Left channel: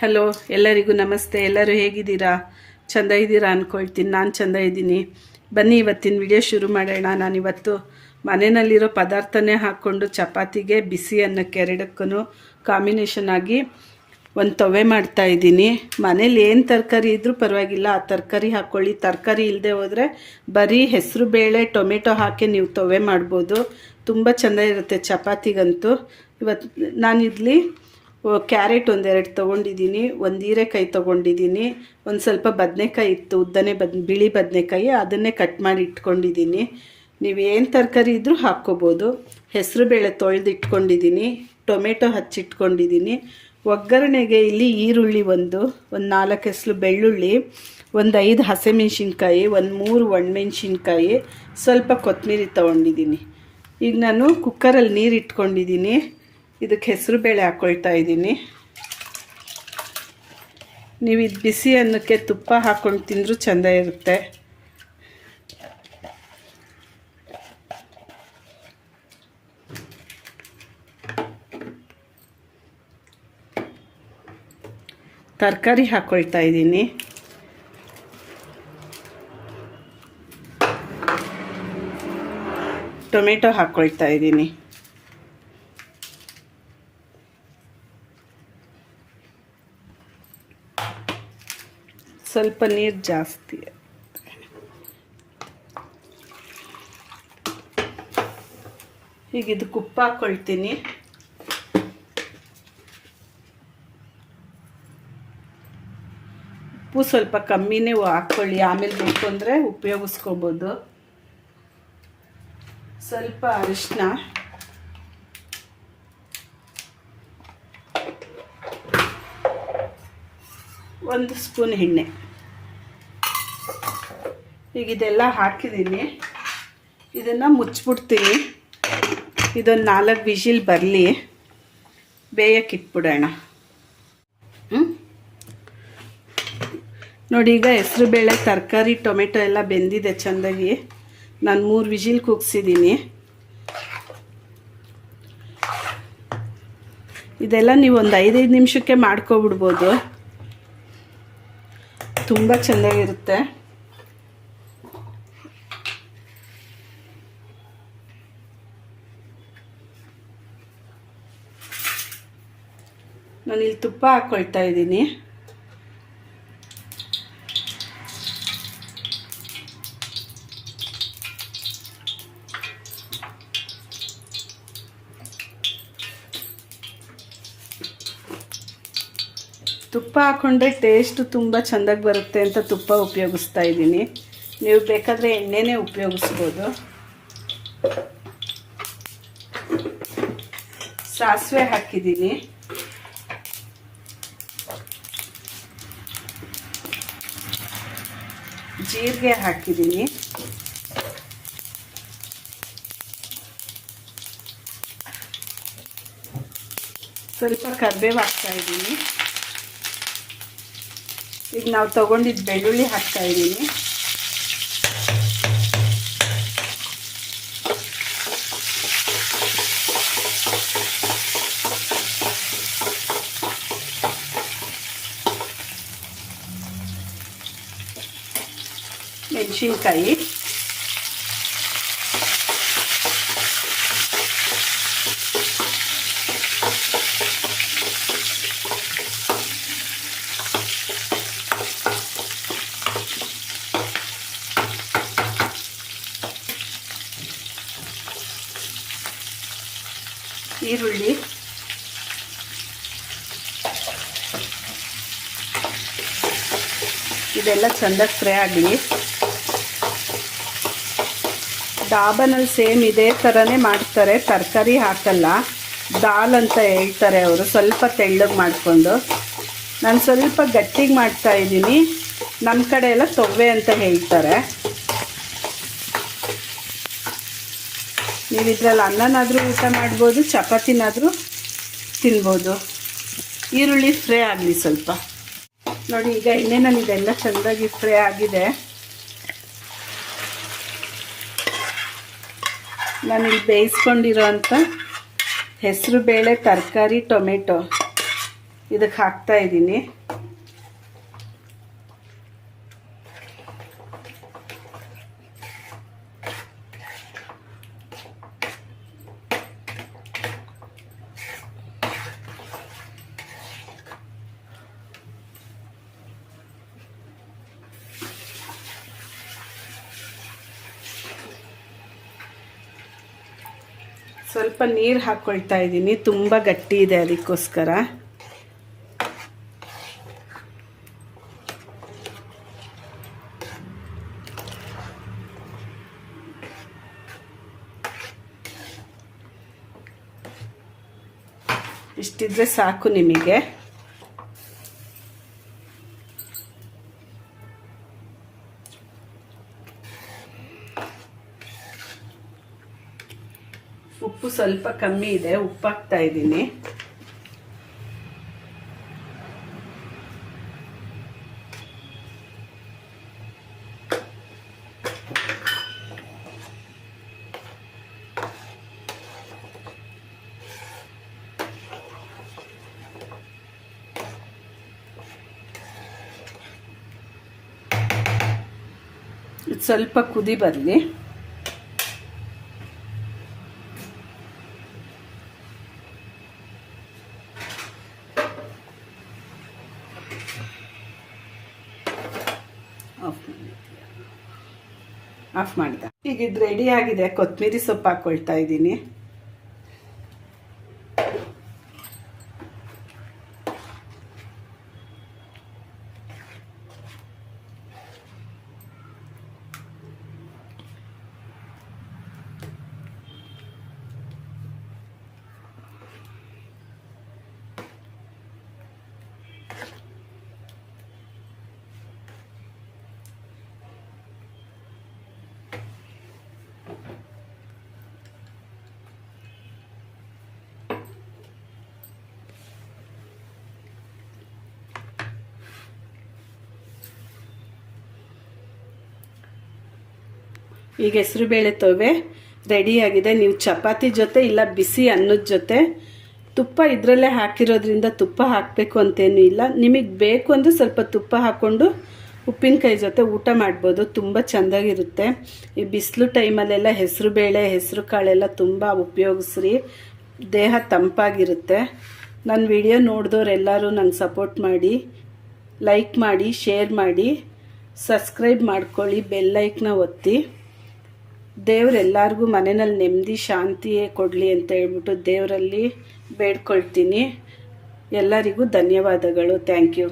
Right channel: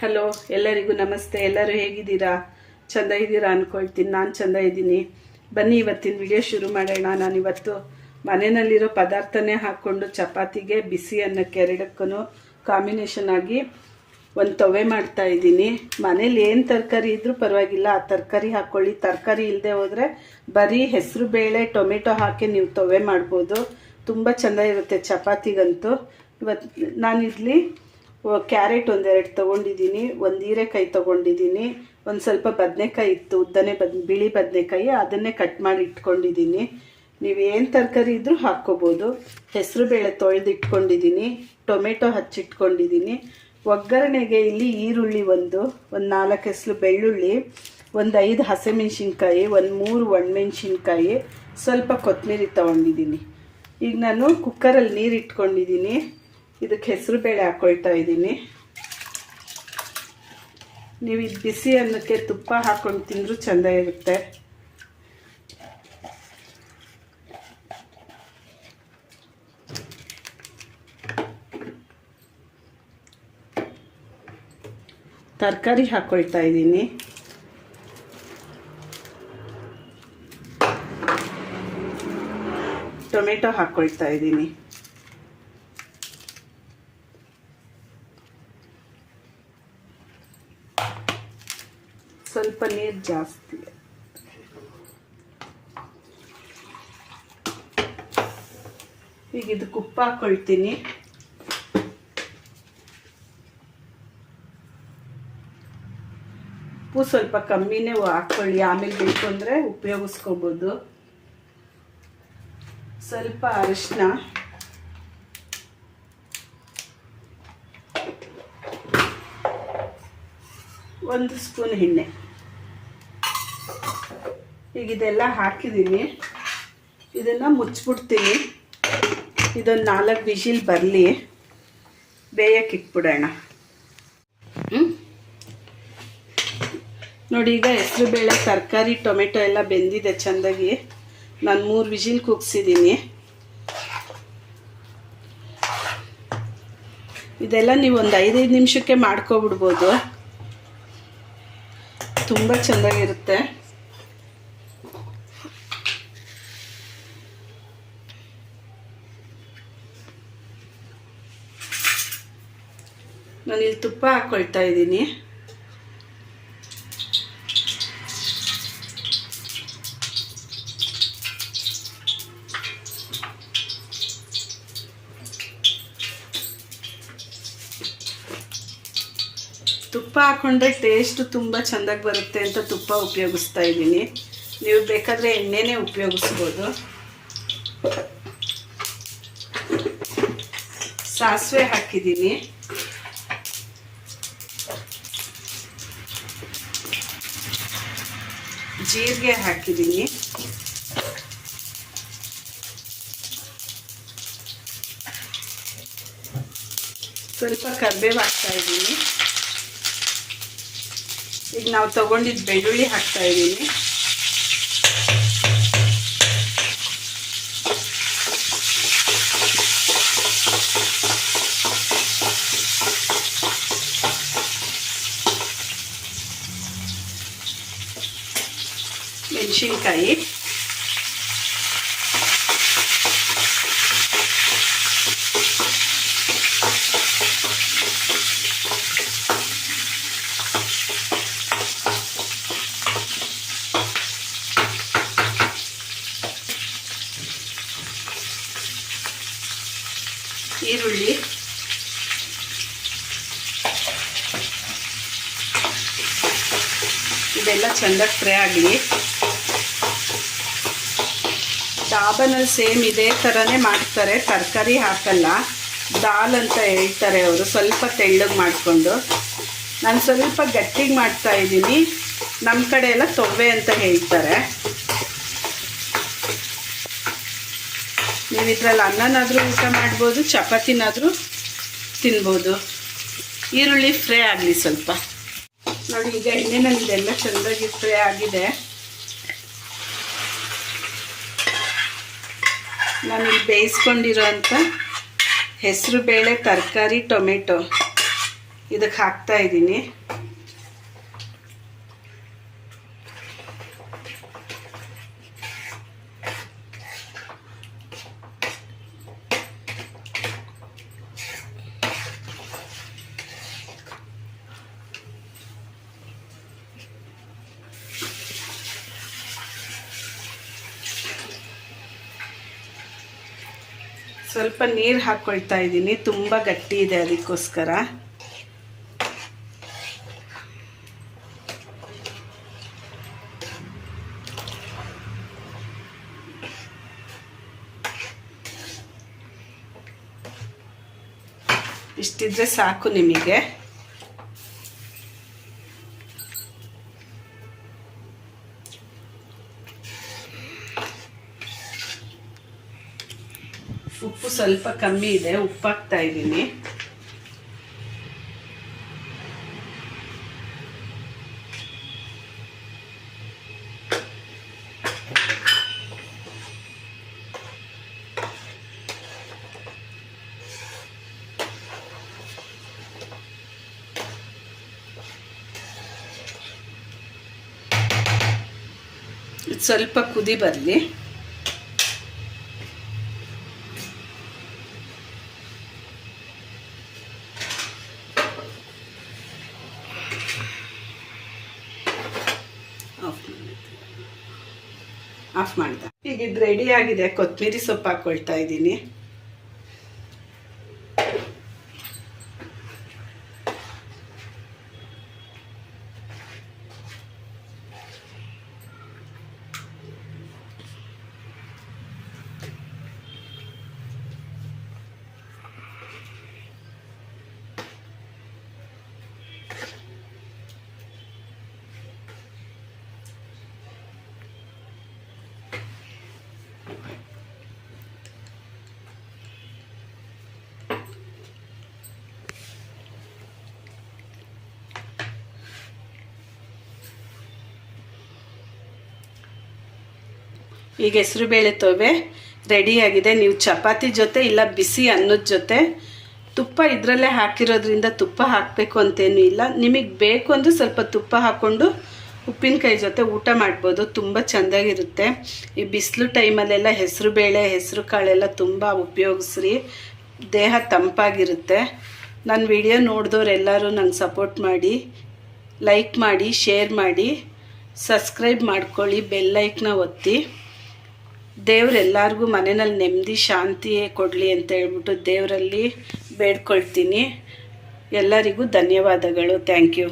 Hello ಎಲ್ಲರಿಗೂ ನಮಸ್ತೆ. ಎಲ್ಲರೂ ಹೇಗಿದ್ದೀರಾ? ಚಂದ ಇದ್ದೀರಾ ಅಂದ್ಕೊಳ್ತೀನಿ ನಾನು ಚಂದ ಇದ್ದೀನಿ. ಬನ್ನಿ, ಇವತ್ತಿನ ವಿಡಿಯೋ ಶುರು ಮಾಡೋಣ. ನಾನು ಇವತ್ತು ಮನೆಯಲ್ಲಿರೋ ಪದಾರ್ಥನೇ ಹಾಕ್ಕೊಂಡು ಚಪಾತಿಗೆ ಬಿಸಿ ಅನ್ನಕ್ಕೆ ಎರಡಕ್ಕೂ ಕಾಂಬಿನೇಷನ್ ಆಗಿ ಒಂದು ತವೆ ಮಾಡ್ತಾ ಇದ್ದೀನಿ. ಮನೇಲಿ ಏನು ತರಕಾರಿ ಇದ್ದರೂ ಪರವಾಗಿಲ್ಲ. ಆ ತರಕಾರಿ ಹಾಕ್ಕೊಳ್ಳಿ ತರಕಾರಿ ಇಲ್ಲದೆ ಹೋದರೆ ಬರೀ ಹೆಸರು ಬೇಳೆ, ಟೊಮೆಟೊ ಹಾಕಿ ನೀವು ತವೆ ಮಾಡ್ಬೋದು. ತುಂಬ ಚೆಂದ ಇರುತ್ತೆ ಚಪಾತಿಗಂತೂ. ಇವತ್ತು ನಾನಿಲ್ಲಿ ಕ್ಯಾರೆಟ್ ಒಂದೆರಡು ತೊಗೊಂಡಿದ್ದೀನಿ, ಒಂದು ಹೀರೆಕಾಯಿ ತೊಗೊಂಡಿದ್ದೀನಿ, ಒಂದು ಸ್ವಲ್ಪ ಬದನೆಕಾಯಿ ಇತ್ತು, ಉದ್ದನೆ ಬದ್, ಬಿಳಿ ಬದನೆಕಾಯಿ, ಅದನ್ನೇ ಕಟ್ ಮಾಡಿ ಇಟ್ಕೊಂಡಿದ್ದೀನಿ. ನೀವು ಏನು ತರಕಾರಿ ಇದ್ದರೂ ಹಾಕ್ಕೋಬೋದು. ಹೆಸರು ಬೇಳೆ ತೊಳೆದು ಇಟ್ಕೊಂಡಿದ್ದೀನಿ, ಟೊಮೆಟೊ ಹಚ್ಚಿಟ್ಕೊಂಡಿದ್ದೀನಿ. ಒಗ್ಗರಣೆಗೆ ಇಲ್ಲಿ ಈರುಳ್ಳಿ ಒಂದು ಒಂದು ನಾಲ್ಕು ಹೆಸರು ಬೆಳ್ಳುಳ್ಳಿ, ಒಂದು ಐದು ಹಸಿಮೆಣ್ಸಿನ್ಕಾಯಿ, ಒಂದು ಮೂರು ಒಣಮೆಣ್ಸಿನ್ಕಾಯಿ, ಸ್ವಲ್ಪ ಕೊತ್ತಂಬರಿ ತೊಗೊಂಡಿದ್ದೀನಿ. ಈಗ ನಾನು ಕುಕ್ಕರಲ್ಲಿ ನೀರು ಇಟ್ಕೊಂಡಿದ್ದೀನಿ. ಇದಕ್ಕೆ ಹೆಸರು ಬೇಳೆ ಹಾಕ್ಕೊಳ್ತಾ ಇದ್ದೀನಿ. ನೀವು ಇದು ಬಿಸಿ ಅನ್ನಕ್ಕೆ ತುಪ್ಪ ಹಾಕ್ಕೊಂಡು ತಿಂದರೂ ಚೆಂದ ಇರುತ್ತೆ. ತರಕಾರಿ ಹಾಕ್ಕೊಳ್ತಾ ಇದ್ದೀನಿ. ಟೊಮೆಟೊ ಹಾಕ್ಕೊಳ್ತಾ ಇದ್ದೀನಿ. ಸ್ವಲ್ಪ ನೀರು ಜಾಸ್ತಿ. ಈಗ ಇದು ಉಪ್ಪು ಹಾಕೊಳ್ತೀನಿ. ಉಪ್ಪು ಸ್ವಲ್ಪ ಕಮ್ಮಿನೇ ಹಾಕ್ಕೊಳ್ಳಿ ಆಮೇಲೆ ಬೇಕು ಅಂದರೆ ಉಪಯೋಗಿಸ್ಕೊಬೋದು. ಸ್ವಲ್ಪ ಅರಿಶಿನ ಒಂದು ಸ್ಪೂನ್ ಎಣ್ಣೆ. ಈಗ ಇದೆಲ್ಲ ಹಾಕಿದ್ದೀನಿ. ಇದನ್ನು ಮುಚ್ಚಿಬಿಡ್ತೀನಿ. ಇದೊಂದು ನಾಲ್ಕು ವಿಷಿಲ್ ಬರಲಿ. ಬೇಯಕ್ಕೆ ಇಟ್ಬಿಡೋಣ. ನೋಡಿ, ಈಗ ಹೆಸರು ಬೇಳೆ, ತರಕಾರಿ, ಟೊಮೆಟೊ ಎಲ್ಲ ಬೆಂದಿದೆ ಚೆಂದಾಗಿ. ನಾನು ಮೂರು ವಿಜಿಲ್ ಕುಗ್ಸಿದ್ದೀನಿ ಇದೆಲ್ಲ ನೀವು ಒಂದು ಐದೈದು ನಿಮಿಷಕ್ಕೆ ಮಾಡ್ಕೊಬಿಡ್ಬೋದು. ತುಂಬ ಚೆನ್ನಾಗಿರುತ್ತೆ ನಾನಿಲ್ಲಿ ತುಪ್ಪ ಹಾಕ್ಕೊಳ್ತಾ ಇದ್ದೀನಿ. ತುಪ್ಪ ಹಾಕ್ಕೊಂಡ್ರೆ ಟೇಸ್ಟು ತುಂಬ ಚೆಂದಾಗಿ ಬರುತ್ತೆ ಅಂತ ತುಪ್ಪ ಉಪಯೋಗಿಸ್ತಾ ಇದ್ದೀನಿ. ನೀವು ಬೇಕಾದರೆ ಎಣ್ಣೆನೇ ಉಪಯೋಗಿಸ್ಬೋದು. ಸಾಸಿವೆ ಹಾಕಿದ್ದೀನಿ. ಜೀರಿಗೆ ಹಾಕಿದ್ದೀನಿ. ಸ್ವಲ್ಪ ಕರ್ಬೇವು ಹಾಕ್ತಾ ಇದ್ದೀನಿ. ಈಗ ನಾವು ತಗೊಂಡಿದ್ದ ಬೆಳ್ಳುಳ್ಳಿ ಹಾಕ್ತಾ ಇದ್ದೀನಿ. ಮೆಣಸಿನ್ಕಾಯಿ. ಈರುಳ್ಳಿ. ಇದೆಲ್ಲ ಚೆಂದಾಗಿ ಫ್ರೈ ಆಗಲಿ. ಡಾಬನಲ್ಲಿ ಸೇಮ್ ಇದೇ ಥರನೇ ಮಾಡ್ತಾರೆ. ತರಕಾರಿ ಹಾಕಲ್ಲ. ದಾಲ್ ಅಂತ ಹೇಳ್ತಾರೆ ಅವರು. ಸ್ವಲ್ಪ ತೆಳ್ಳಗೆ ಮಾಡಿಕೊಂಡು. ನಾನು ಸ್ವಲ್ಪ ಗಟ್ಟಿಗೆ ಮಾಡ್ತಾ ಇದ್ದೀನಿ. ನಮ್ಮ ಕಡೆ ಎಲ್ಲ ತೊವ್ವೆ ಅಂತ ಹೇಳ್ತಾರೆ. ನೀವು ಇದರಲ್ಲಿ ಅನ್ನನಾದರೂ ಊಟ ಮಾಡ್ಬೋದು, ಚಪಾತಿನಾದರೂ ತಿನ್ಬೋದು. ಈರುಳ್ಳಿ ಫ್ರೈ ಆಗಲಿ ಸ್ವಲ್ಪ. ನೋಡಿ, ಈಗ ಎಣ್ಣೆನಲ್ಲಿ ಇದೆಲ್ಲ ಚೆಂದಾಗಿ ಫ್ರೈ ಆಗಿದೆ. ನಾನಿಲ್ಲಿ ಬೇಯಿಸ್ಕೊಂಡಿರೋ ಅಂಥ ಹೆಸರು ಬೇಳೆ ತರಕಾರಿ ಟೊಮೆಟೊ. ಇದಕ್ಕೆ ಹಾಕ್ತಾ ಇದ್ದೀನಿ. ಸ್ವಲ್ಪ ನೀರು ಹಾಕ್ಕೊಳ್ತಾ ಇದ್ದೀನಿ. ತುಂಬ ಗಟ್ಟಿ ಇದೆ ಅದಕ್ಕೋಸ್ಕರ. ಇಷ್ಟಿದ್ರೆ ಸಾಕು ನಿಮಗೆ. ಉಪ್ಪು ಸ್ವಲ್ಪ ಕಮ್ಮಿ ಇದೆ ಉಪ್ಪು ಹಾಕ್ತಾ ಇದ್ದೀನಿ ಸ್ವಲ್ಪ ಕುದಿ ಬರಲಿ. ಆಫ್ ಮಾಡಿದೆ ಈಗ ಇದು ರೆಡಿ ಆಗಿದೆ. ಕೊತ್ತಂಬರಿ ಸೊಪ್ಪು ಹಾಕೊಳ್ತಾ ಇದ್ದೀನಿ. ಈಗ ಹೆಸರುಬೇಳೆ ತೊವೆ ರೆಡಿಯಾಗಿದೆ ನೀವು ಚಪಾತಿ ಜೊತೆ ಇಲ್ಲ ಬಿಸಿ ಅನ್ನದ ಜೊತೆ, ತುಪ್ಪ ಇದರಲ್ಲೇ ಹಾಕಿರೋದ್ರಿಂದ ತುಪ್ಪ ಹಾಕಬೇಕು ಅಂತೇನು ಇಲ್ಲ. ನಿಮಗೆ ಬೇಕು ಅಂದರೆ ಸ್ವಲ್ಪ ತುಪ್ಪ ಹಾಕ್ಕೊಂಡು ಉಪ್ಪಿನಕಾಯಿ ಜೊತೆ ಊಟ ಮಾಡ್ಬೋದು, ತುಂಬ ಚೆಂದಾಗಿರುತ್ತೆ. ಈ ಬಿಸಿಲು ಟೈಮಲ್ಲೆಲ್ಲ ಹೆಸರು ಬೇಳೆ, ಹೆಸರು ಕಾಳೆಲ್ಲ ತುಂಬ ಉಪಯೋಗಿಸ್ರಿ. ದೇಹ ತಂಪಾಗಿರುತ್ತೆ. ನನ್ನ ವಿಡಿಯೋ ನೋಡಿದವರೆಲ್ಲರೂ ನಂಗೆ ಸಪೋರ್ಟ್ ಮಾಡಿ ಲೈಕ್ ಮಾಡಿ ಶೇರ್ ಮಾಡಿ ಸಬ್ಸ್ಕ್ರೈಬ್ ಮಾಡ್ಕೊಳ್ಳಿ ಬೆಲ್ಲೈಕ್ನ ಒತ್ತಿ. ದೇವರೆಲ್ಲರಿಗೂ ಮನೆಯಲ್ಲಿ ನೆಮ್ಮದಿ ಶಾಂತಿಯೇ ಕೊಡಲಿ ಅಂತ ಹೇಳ್ಬಿಟ್ಟು ದೇವರಲ್ಲಿ ಬೇಡ್ಕೊಳ್ತೀನಿ. ಎಲ್ಲರಿಗೂ ಧನ್ಯವಾದಗಳು. Thank you